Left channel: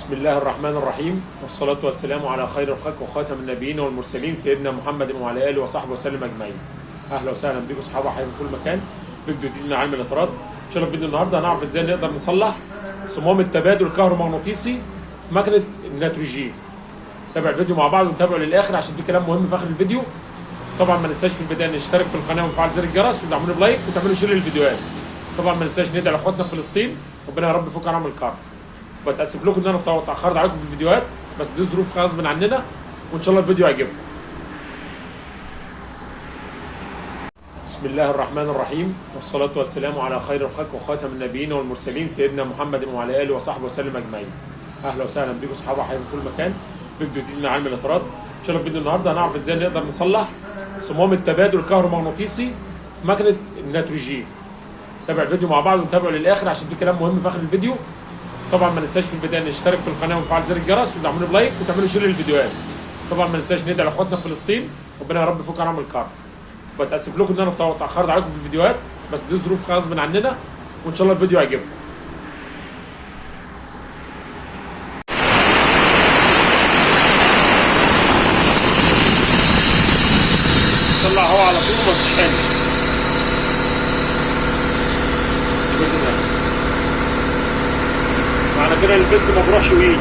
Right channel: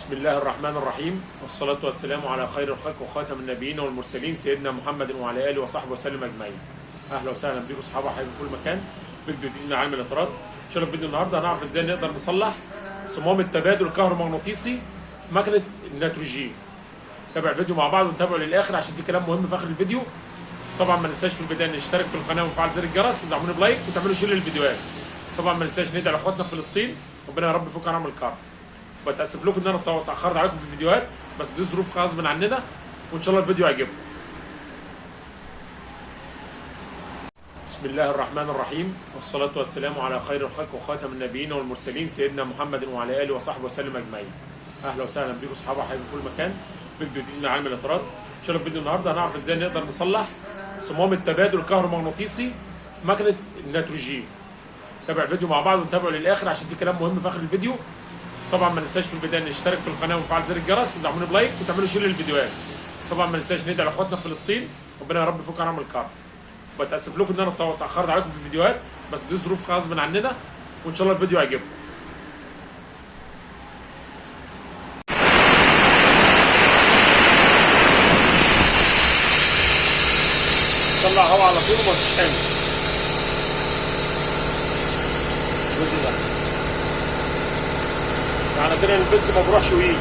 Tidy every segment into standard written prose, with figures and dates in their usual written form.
بسم الله الرحمن الرحيم، والصلاة والسلام على خير الخلق وخاتم النبيين والمرسلين سيدنا محمد وعلى آله وصحبه وسلم أجمعين. أهلا وسهلا بكم أصحاب حبايبي في كل مكان. فيديو جديد من علم الإطارات. إن شاء الله في فيديو النهارده هنعرف إزاي نقدر نصلح صمام التبادل الكهرومغناطيسي في مكنة النيتروجين. تابع الفيديو مع بعض ونتابعه للآخر عشان في كلام مهم في آخر الفيديو. طبعا ما ننساش في البداية نشترك في القناة ونفعل زر الجرس وتدعموني بلايك وتعملوا شير للفيديوهات. طبعا ما ننساش ندعي لاخواتنا في فلسطين، ربنا يا رب يفك عنهم الكرب. بتاسف لكم ان انا اتاخرت عليكم في الفيديوهات، بس دي ظروف غصب عننا، وان شاء الله الفيديو يعجبكم. بسم الله الرحمن الرحيم، والصلاة والسلام على خير الخلق وخاتم النبيين والمرسلين سيدنا محمد وعلى آله وصحبه وسلم أجمعين. أهلا وسهلا بكم أصحاب حبايبي في كل مكان. فيديو جديد من علم الإطارات. إن شاء الله في فيديو النهارده هنعرف إزاي نقدر نصلح صمام التبادل الكهرومغناطيسي في مكنة النيتروجين. تابع الفيديو مع بعض ونتابعه للآخر عشان في كلام مهم في آخر الفيديو. طبعا ما ننساش في البدايه نشترك في القناه ونفعل زر الجرس وتدعموني بلايك وتعملوا شير للفيديوهات. طبعا ما ننساش ندعي لاخواتنا في فلسطين، ربنا يا رب يفك عنهم الكرب. بتاسف لكم ان انا اتاخرت عليكم في الفيديوهات، بس دي ظروف غصب عننا، وان شاء الله الفيديو يعجبكم. طلع هوا على طول وما تتخانق. الجزء ده معنى كده البس ما بروحش ويجي.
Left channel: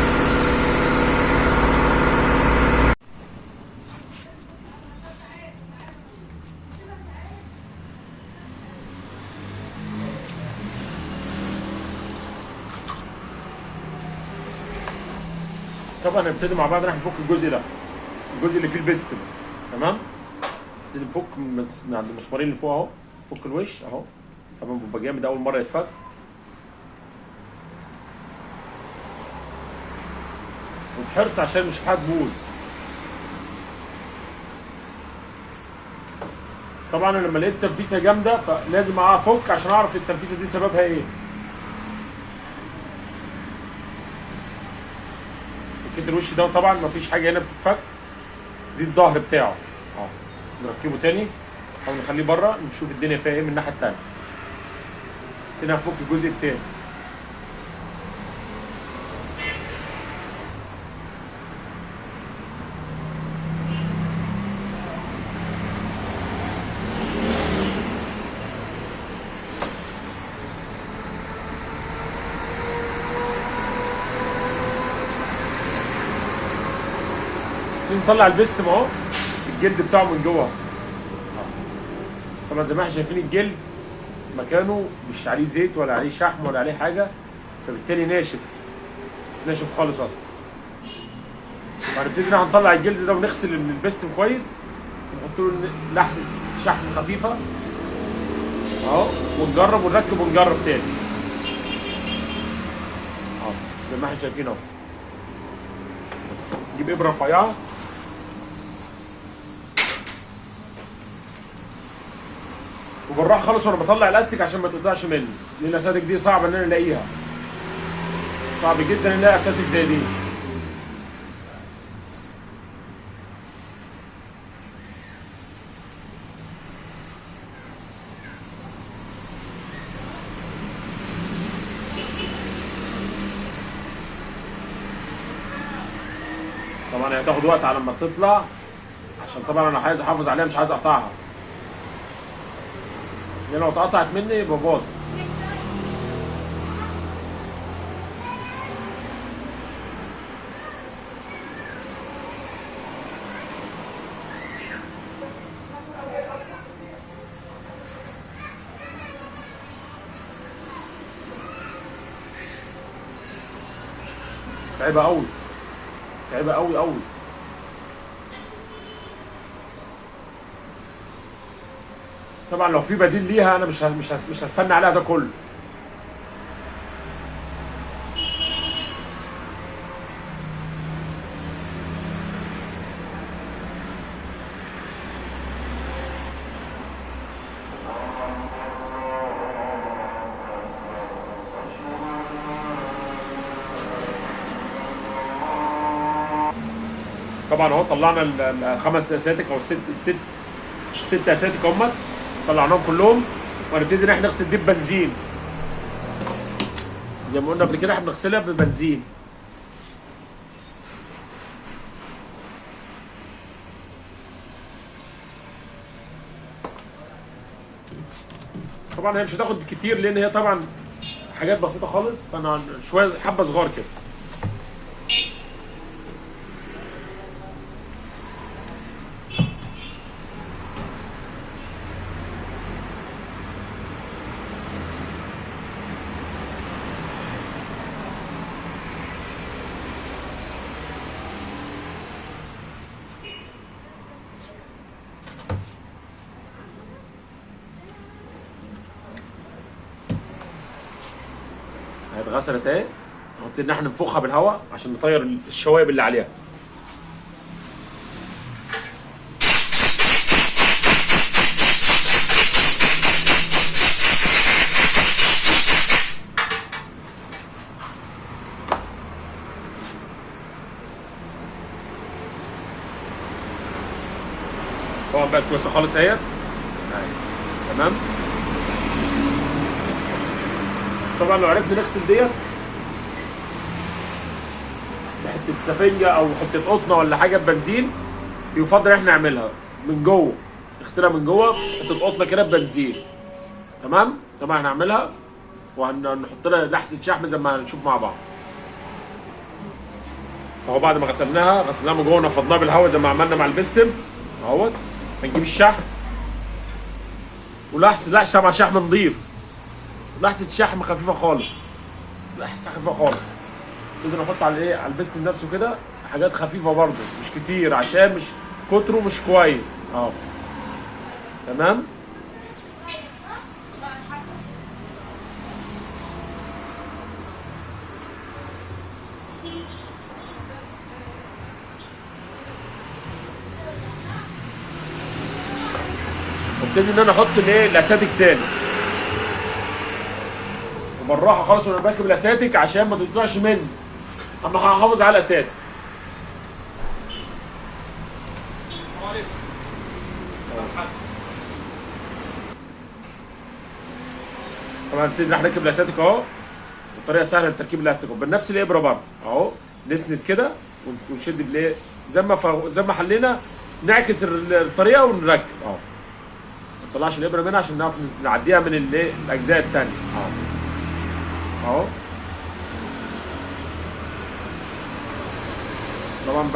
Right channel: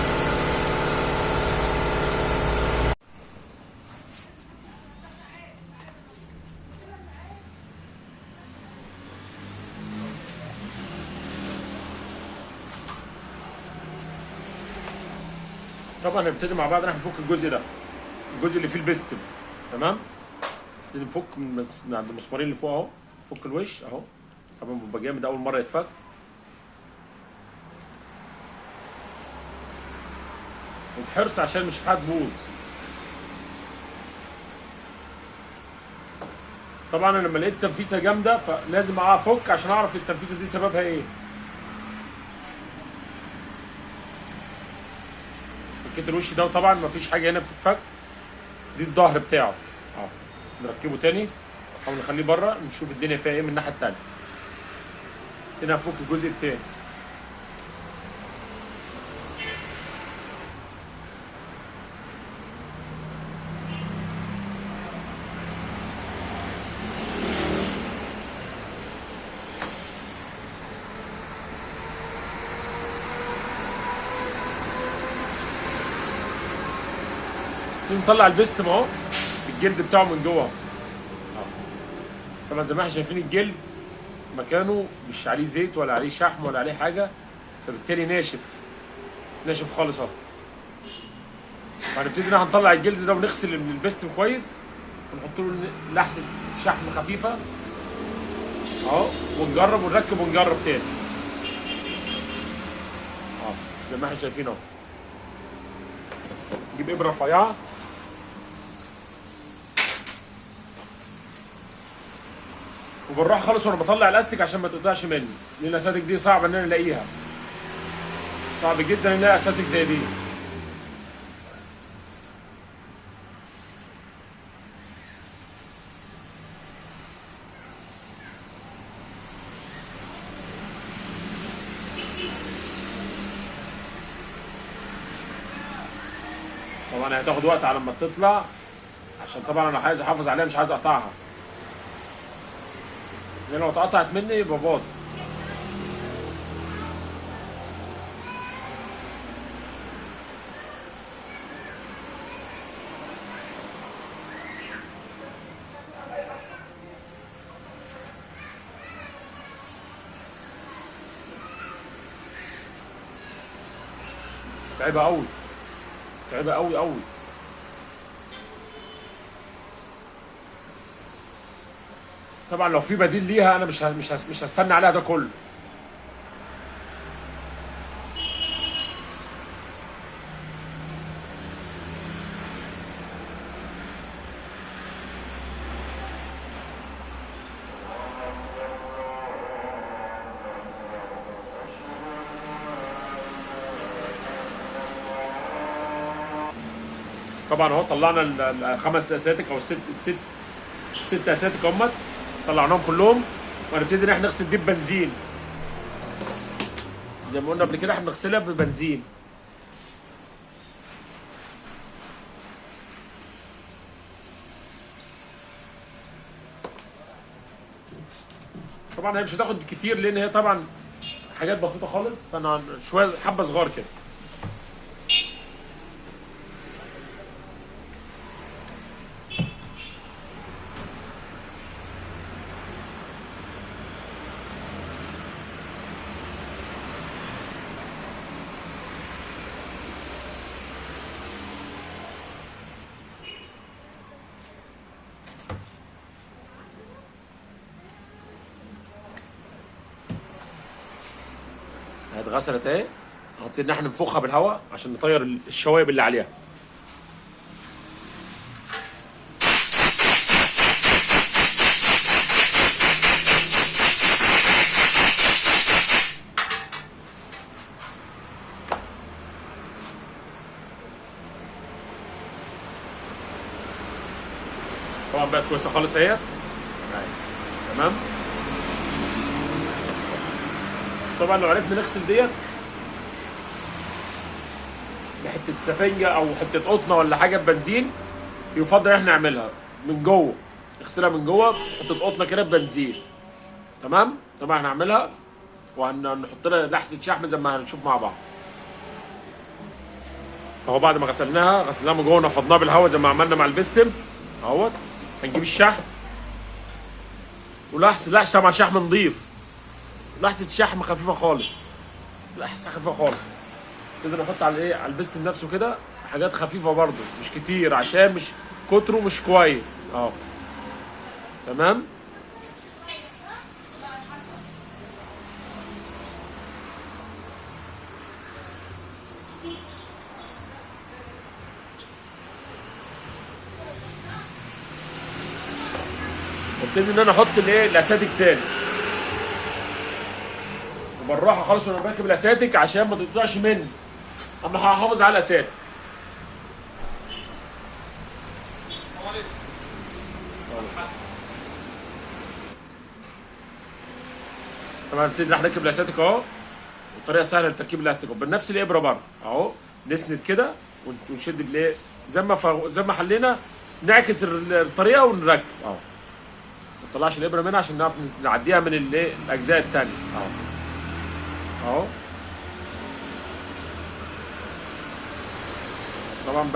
طبعا نبتدي مع بعض. راح نفك الجزء ده، الجزء اللي فيه البستم. تمام، نبتدي نفك من عند المسمارين اللي فوق اهو. نفك الوش اهو. طبعا بيبقى جامد اول مره يتفك، وبحرص عشان مش هتبوظ. طبعا انا لما لقيت تنفيسه جامده فلازم افك عشان اعرف التنفيسه دي سببها ايه. فكيت الوش ده، وطبعا مفيش حاجه هنا بتتفك. دي الظهر بتاعه اهو. نركبه تاني او نخليه بره، نشوف الدنيا فيها ايه من الناحيه التانيه. هنا هفك الجزء التاني. نطلع البستم اهو، الجلد بتاعه من جوه. طبعا زي ما احنا شايفين الجلد مكانه مش عليه زيت ولا عليه شحم ولا عليه حاجه، فبالتالي ناشف ناشف خالص اهو. هنبتدي هنطلع الجلد ده ونغسل البستم كويس، ونحط له لحسه شحم خفيفه اهو، ونجرب ونركب ونجرب تاني اهو زي ما احنا شايفين اهو. نجيب ابره رفيعه وبالراحه خالص وانا بطلع الاستيك عشان ما تقطعش مني، لان الاساتك دي صعب ان انا الاقيها، صعب جدا ان الاقي اساتك زي دي. طبعا هتاخد وقت على ما تطلع، عشان طبعا انا عايز احافظ عليها، مش عايز اقطعها، لان لو اتقطعت مني يبقى باظت. تعبه قوي، تعبه قوي قوي. طبعا لو في بديل ليها انا مش هستنى عليها ده كله. طبعا اهو طلعنا الخمس اساتك او ست اساتك هم، طلعناهم كلهم، وهنبتدي ان احنا نغسل دي ببنزين. زي ما قلنا قبل كده احنا بنغسلها ببنزين. طبعا هي مش هتاخد كتير لان هي طبعا حاجات بسيطه خالص، فانا شويه حبه صغار كده. اتغسلت اهي، نبتدي ان احنا ننفخها بالهواء عشان نطير الشوائب اللي عليها. طبعا بقت كويسه خالص اهي، تمام. طبعا لو عرفنا نغسل ديت بحته سفنجه او حته قطنه ولا حاجه ببنزين، يفضل احنا نعملها من جوه، نغسلها من جوه حته قطنه كده ببنزين، تمام. طبعا هنعملها وهنحط لها لحسه شحم زي ما هنشوف مع بعض. اهو بعد ما غسلناها من جوه ونفضناها بالهواء زي ما عملنا مع البستم اهوت. هنجيب الشحم ولحسه طبعا شحم نضيف، لحسه شحم خفيفه خالص، لحسه خفيفه خالص. نقدر نحط على ايه، على البستم نفسه كده حاجات خفيفه برضه مش كتير عشان مش كتره مش كويس. تمام. وابتدي ان انا احط الايه الاساتك تاني وبالراحه خالص وانا بركب الاساتك عشان ما تقطعش مني، اما هحافظ على الاساتك. طبعا نبتدي نركب الاساتك اهو، بطريقه سهله لتركيب الاستيك بنفس الابره برضه اهو. نسند كده ونشد بالايه زي ما حلينا، نعكس الطريقه ونركب اهو. ما نطلعش الابره منها عشان نعرف نعديها من الايه الاجزاء الثانيه اهو. طبعا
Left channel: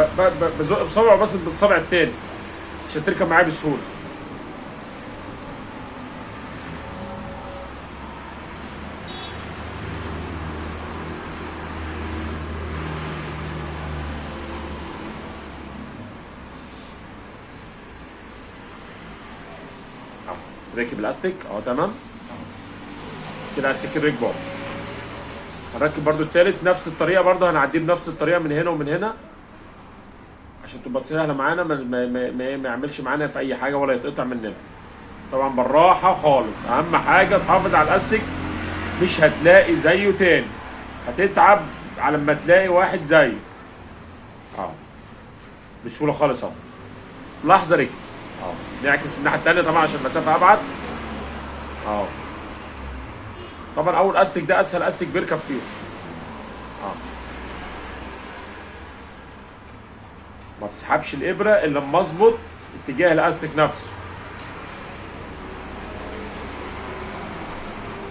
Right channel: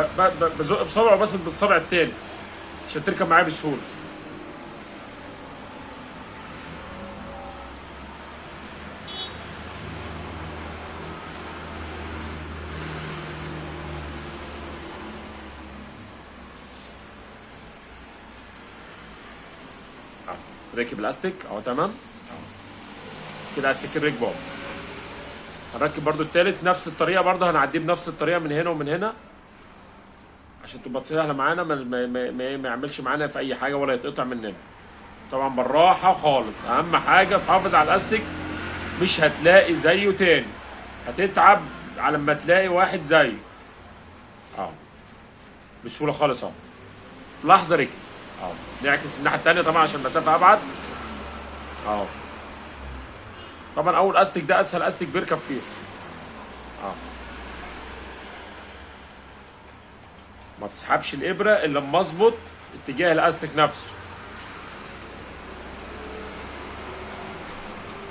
بزق بصبع وبسند بالصبع الثاني عشان تركب معايا بسهوله. ركب الاستيك اهو، تمام كده. استيك الركبه هنركب برضو التالت نفس الطريقه، برضو هنعديه بنفس الطريقه من هنا ومن هنا عشان تبقى سهله معانا، ما يعملش معانا في اي حاجه ولا يتقطع مننا. طبعا بالراحه خالص، اهم حاجه تحافظ على الاستيك، مش هتلاقي زيه تاني، هتتعب على ما تلاقي واحد زيه بسهوله خالص اهو. في لحظه ركب نعكس الناحيه الثانيه طبعا عشان المسافه ابعد طبعا اول استيك ده اسهل استيك بيركب فيه ما تسحبش الابره الا لما اظبط اتجاه الاستيك نفسه.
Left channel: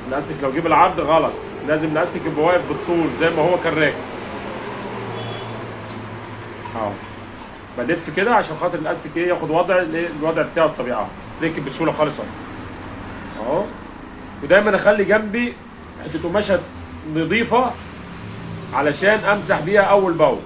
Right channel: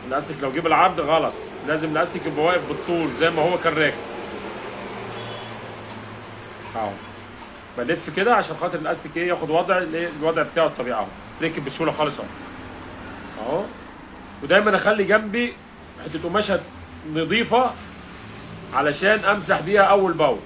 الاستيك لو جيب العرض غلط، لازم الاستيك يبقى واقف بالطول زي ما هو كان راكب بلف كده عشان خاطر الاستيك ايه ياخد الوضع بتاعه الطبيعي ركب بسهوله خالص اهو. ودايما اخلي جنبي حته قماشه نظيفه علشان امسح بيها اول باول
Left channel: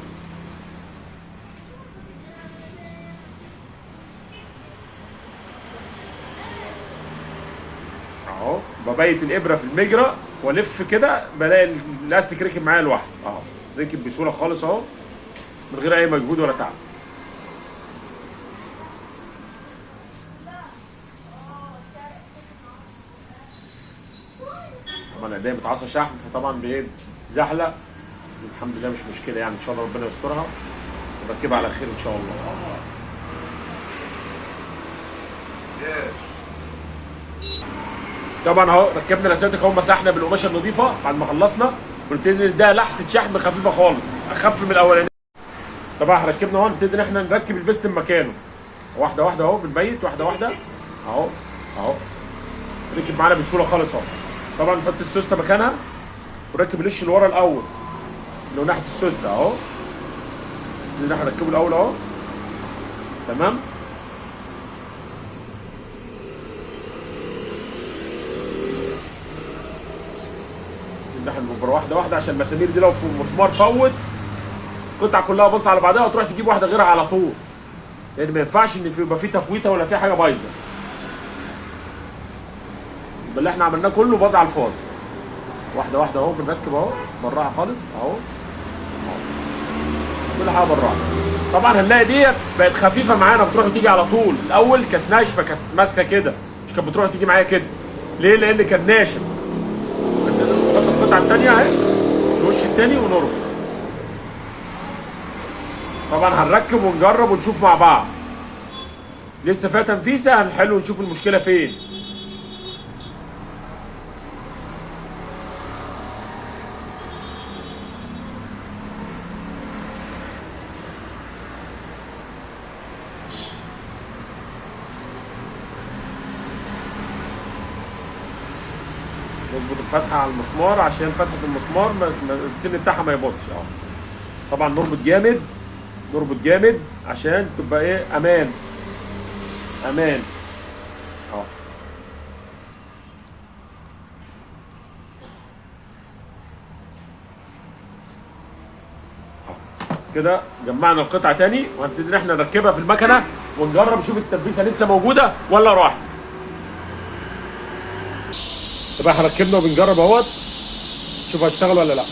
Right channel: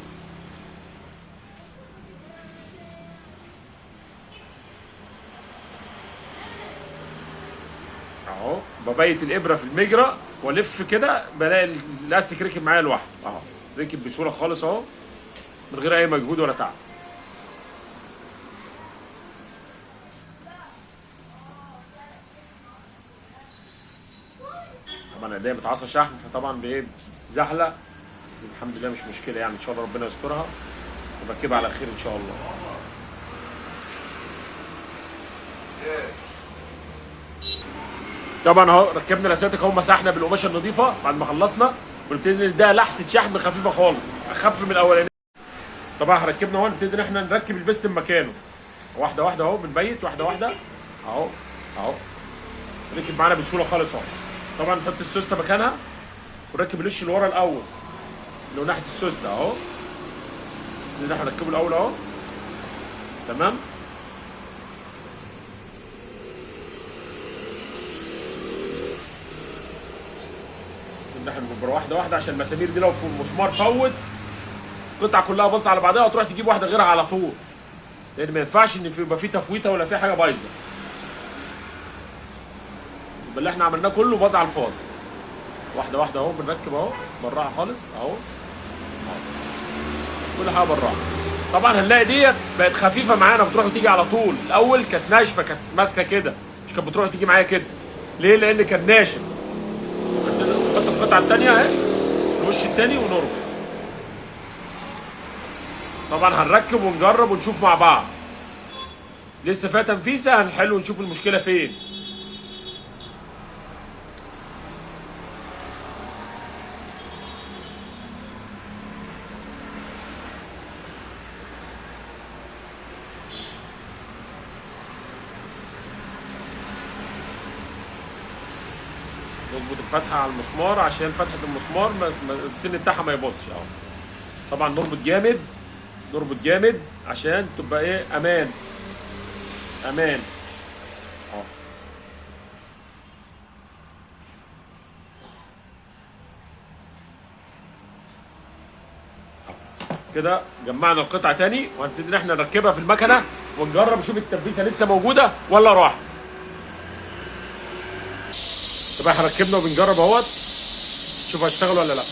اهو. ببيت الابره في المجرى والف كده بلاقي الاستيك ركب معايا لوحده ركب بسهوله خالص اهو من غير اي مجهود ولا تعب. طبعا ايديا متعصى شحم فطبعا بتزحلق، بس الحمد لله مش مشكله يعني، ان شاء الله ربنا يسترها وبركبها على خير ان شاء الله. طبعا اهو ركبنا الاساتك اهو، مسحنا بالقماشه النظيفه بعد ما خلصنا، قلت لي ده لحسه شحم خفيفه خالص اخف من الاولانيه. طبعا ركبنا اهو، نبتدي ان احنا نركب البستم مكانه واحده واحده اهو، بنبيت واحده واحده اهو ركب معانا بسهوله خالص اهو. طبعا نحط السوسته مكانها ونركب الوش اللي ورا الاول اللي هو ناحيه السوسته اهو، اللي احنا هنركبه الاول اهو. تمام. احنا بنبقى واحده واحده عشان المسامير دي لو في المسمار فوت القطعه كلها باظت على بعضها وتروح تجيب واحده غيرها على طول، لان ما ينفعش ان يبقى في تفويته ولا في حاجه بايظه. يبقى اللي احنا عملناه كله باظ على الفاضي. واحده واحده اهو بنركب اهو بالراحه خالص اهو. كل حاجه بالراحه. طبعا هنلاقي ديت بقت خفيفه معانا بتروح وتيجي على طول. الاول كانت ناشفه، كانت ماسكه كده، مش كانت بتروح وتيجي معايا كده. ليه؟ لان كان ناشف. نحط القطعه الثانيه اهي الوش الثاني ونربط. طبعا هنركب ونجرب ونشوف مع بعض. لسه فيها تنفيسه هنحل ونشوف المشكله فين. نظبط الفتحه على المسمار عشان فتحه المسمار السن بتاعها ما يبصش اهو. طبعا نربط جامد، نربط جامد عشان تبقى ايه امان امان اهو. كده جمعنا القطعه تاني وهنبتدي ان احنا نركبها في المكنه ونجرب نشوف التنفيسه لسه موجوده ولا راحت. طبعا احنا ركبنا وبنجرب اهوت شوف هيشتغل ولا لا.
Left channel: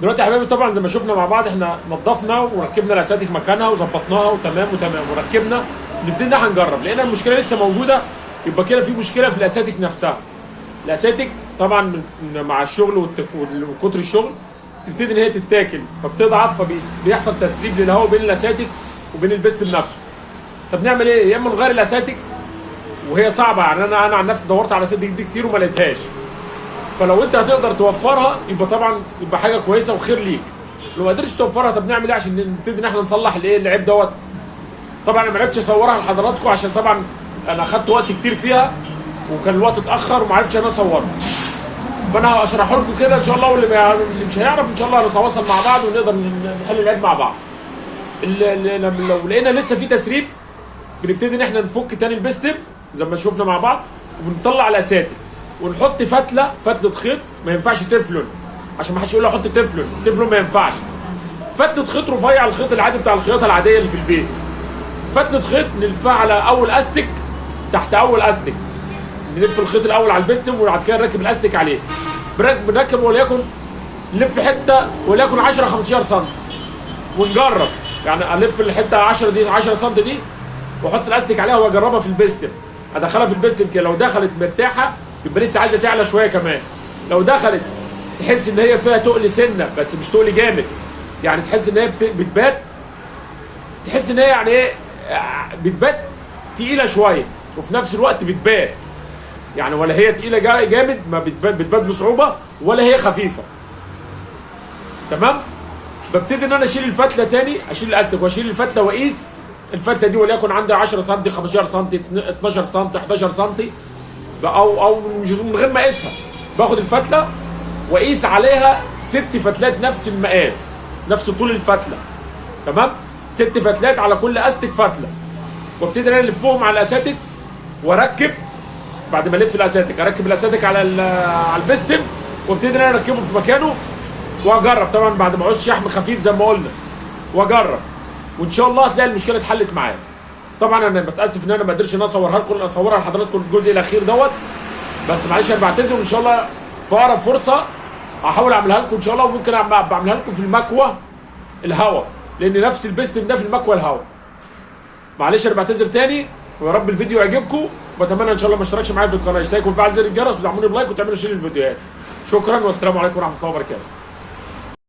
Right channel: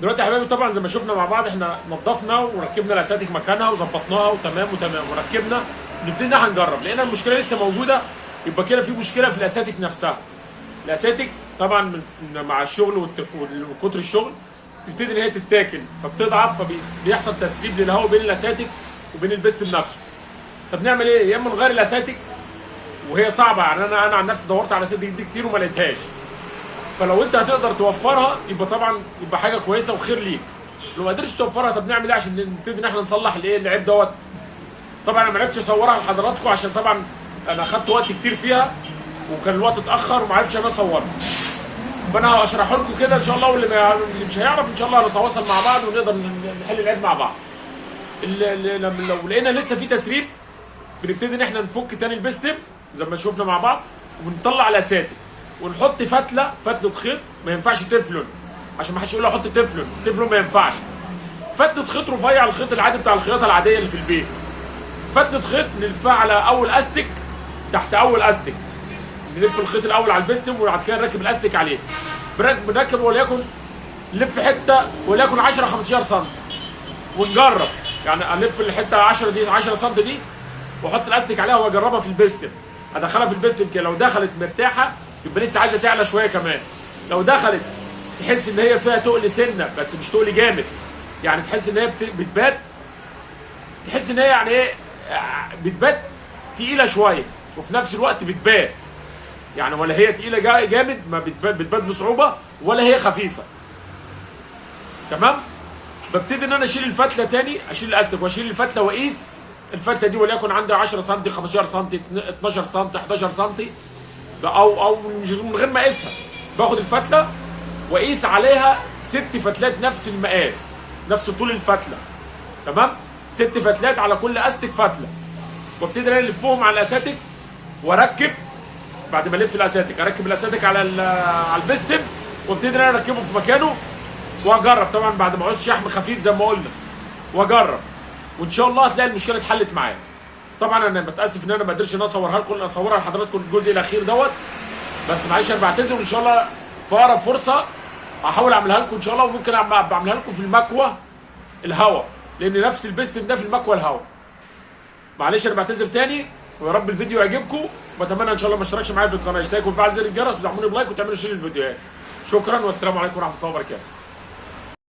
دلوقتي يا حبايبي طبعا زي ما شفنا مع بعض احنا نظفنا وركبنا الاساتك مكانها وظبطناها وتمام وركبنا. نبتدي ان احنا نجرب. لقينا المشكله لسه موجوده يبقى كده في مشكله في الاساتك نفسها. الاساتك طبعا مع الشغل وكتر الشغل تبتدي ان هي تتاكل فبتضعف فبيحصل تسريب للهواء بين الاساتك وبين البستم نفسه. طب نعمل ايه؟ يا اما نغير الاساتك وهي صعبه، يعني انا عن نفسي دورت على اساتك دي كتير وما لقيتهاش. فلو انت هتقدر توفرها يبقى طبعا يبقى حاجه كويسه وخير ليك. لو ما قدرتش توفرها طب نعمل ايه عشان نبتدي ان احنا نصلح الايه العيب دوت. طبعا انا ما عرفتش اصورها لحضراتكم عشان طبعا انا اخدت وقت كتير فيها وكان الوقت اتاخر وما عرفتش انا اصورها. فانا هشرحه لكم كده ان شاء الله، واللي مش هيعرف ان شاء الله هنتواصل مع بعض ونقدر نحل العيب مع بعض. لو لقينا لسه في تسريب بنبتدي ان احنا نفك تاني البستم زي ما شفنا مع بعض وبنطلع الاساتك ونحط فتله خيط. ما ينفعش تفلون عشان ما حدش يقول لي احط تفلون ما ينفعش. فتله خيط رفيع، الخيط العادي بتاع الخياطه العاديه اللي في البيت. فتله خيط نلفها على اول استك تحت اول استك، نلف الخيط الاول على البستم وبعد كده نركب الاستك عليه. بنركب وليكن نلف حته وليكن 10 15 سم ونجرب. يعني الف الحته 10 دي 10 سم دي واحط الاستك عليها واجربها في البستم، ادخلها في البستم كده. لو دخلت مرتاحه يبقى لسه عايزه تعلى شويه كمان. لو دخلت تحس ان هي فيها تقل سنه بس مش تقل جامد، يعني تحس ان هي بتبات، تحس ان هي يعني ايه بتبات تقيله شويه وفي نفس الوقت بتبات، يعني ولا هي تقيله جامد ما بتبات بصعوبه ولا هي خفيفه. تمام. ببتدي ان انا اشيل الفتله تاني، اشيل الاستك واشيل الفتله واقيس الفتله دي وليكن عندي 10 سم 15 سم 12 سم 11 سم او من غير ما اقيسها. باخد الفتله واقيس عليها 6 فتلات نفس المقاس نفس طول الفتله. تمام. 6 فتلات على كل استك فتله وابتدي انا الفهم على الاساتك واركب. بعد ما الف الاساتك اركب الاساتك على البستم وابتدي انا اركبه في مكانه واجرب. طبعا بعد ما اعوز شحم خفيف زي ما قلنا واجرب وان شاء الله هتلاقي المشكله اتحلت معايا. طبعا انا بتاسف ان انا ما قدرتش ان اصورها لكم، اصورها لحضراتكم الجزء الاخير دوت، بس معلش انا بعتذر. وان شاء الله في اقرب فرصه هحاول اعملها لكم ان شاء الله، وممكن بعملها لكم في المكوى الهواء لان نفس البستم ده في المكوى الهواء. معلش انا بعتذر تاني ويا رب الفيديو يعجبكم، واتمنى ان شاء الله ما اشتركش معايا في القناه يشتركوا ويفعل زر الجرس وتدعموني بلايك وتعملوا شير للفيديوهات. شكرا والسلام عليكم ورحمه الله وبركاته.